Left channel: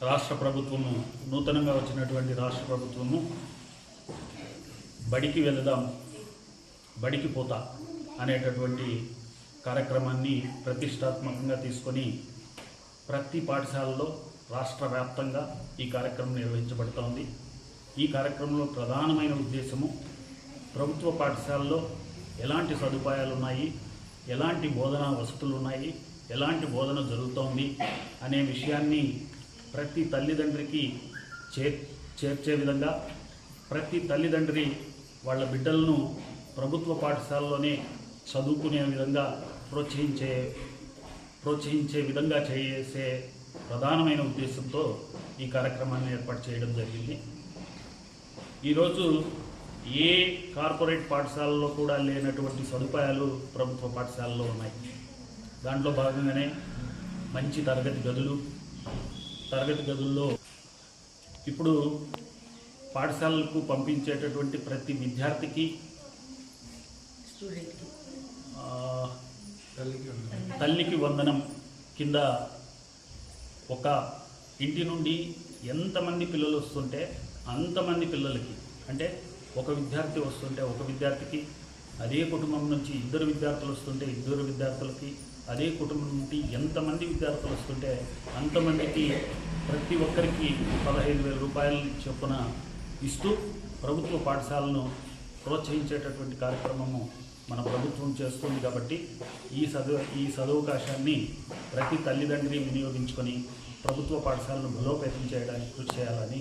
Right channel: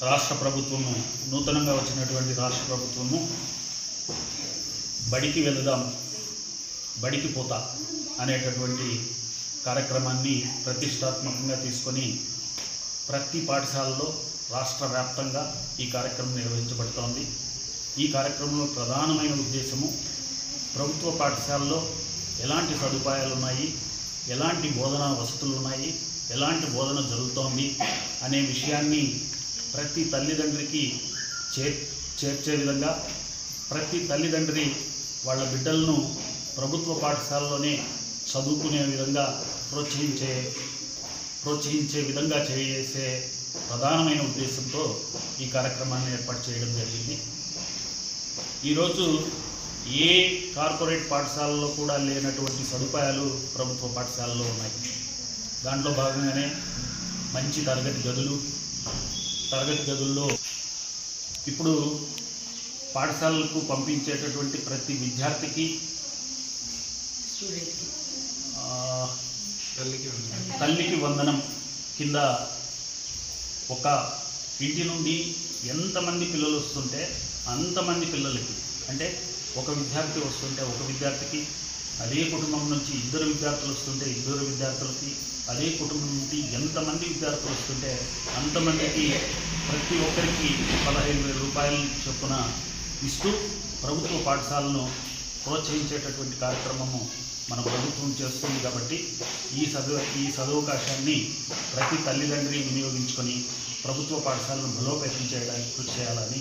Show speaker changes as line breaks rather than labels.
రాష్ట్ర ప్రభుత్వము నూతనంగా వచ్చినటువంటి రాష్ట్ర ప్రభుత్వము బడికి వెళదాం బడికి పోతా అనేటటువంటి కార్యక్రమాన్ని ప్రతిష్టాత్మకంగా తీసుకొని ప్రతి పాఠశాలలో రాష్ట్ర వ్యాప్తంగా ఈ కార్యక్రమం నిర్వహించబడుతోంది. ఈ కార్యక్రమంలో ప్రధానమైన ఉద్దేశము ప్రభుత్వ పాఠశాలలో ఎలాంటి సదుపాయాలు ఉన్నాయి ఎలాంటి బోధనా వసతులు ఉన్నాయి ఎలాంటి బోధన జరుగుతోంది అనే విషయాన్ని ప్రతి తల్లిదండ్రికి చే చేర్చే విధంగా ప్రతి తల్లిదండ్రి వాళ్ళ బిడ్డలను ప్రభుత్వ పాఠశాలలోనే చదువుకునే విధంగా ప్రోత్సహించే ప్రోత్సహించే విధంగా చేసే ప్రధానమైన ఉద్దేశంతో ఈ కార్యక్రమాన్ని ఏర్పాటు చేయడం జరిగింది. ఈరోజు ఏ కార్పొరేట్ పాఠశాలలో కూడా లేనటువంటి సదుపాయాలు ప్రభుత్వ పాఠశాలలో ఉన్నాయి. దాంట్లో భాగంగానే మంచి తరగతి గదులు తరగతి గదుల్లో ఇప్పుడు పాఠశాలలకు పంపించేటటువంటి ప్రతి విద్యార్థికి తల్లికి వందనం కింద ఒక ఇంటి నుండి ఎంతమంది పిల్లలు వస్తుంటే అంతమంది పిల్లలకి అంటే ఒక విద్యార్థి వస్తుంటే ఒక విద్యార్థికి అదే కుటుంబం నుంచి ఇద్దరు విద్యార్థులు వస్తుంటే ఇద్దరు విద్యార్థులకి అదే కుటుంబం నుండి ఎంతమంది విద్యార్థులు వస్తుంటే అంతమందికి ప్రతి ఒక్కరికి పదహైదు వేల రూపాయల చొప్పున ఇస్తూ ప్రభుత్వ పాఠశాలను ప్రోత్సహించేటటువంటి కార్యక్రమము మన ప్రభుత్వం చేస్తుంది కాబట్టి ఈ చదువు ఈ సదవకాశాన్ని ప్రతి తల్లిదండ్రి వినియోగించుకొని ప్రభుత్వ పాఠశాలను బలోపేతం చేయడానికి కృషి చేయాలని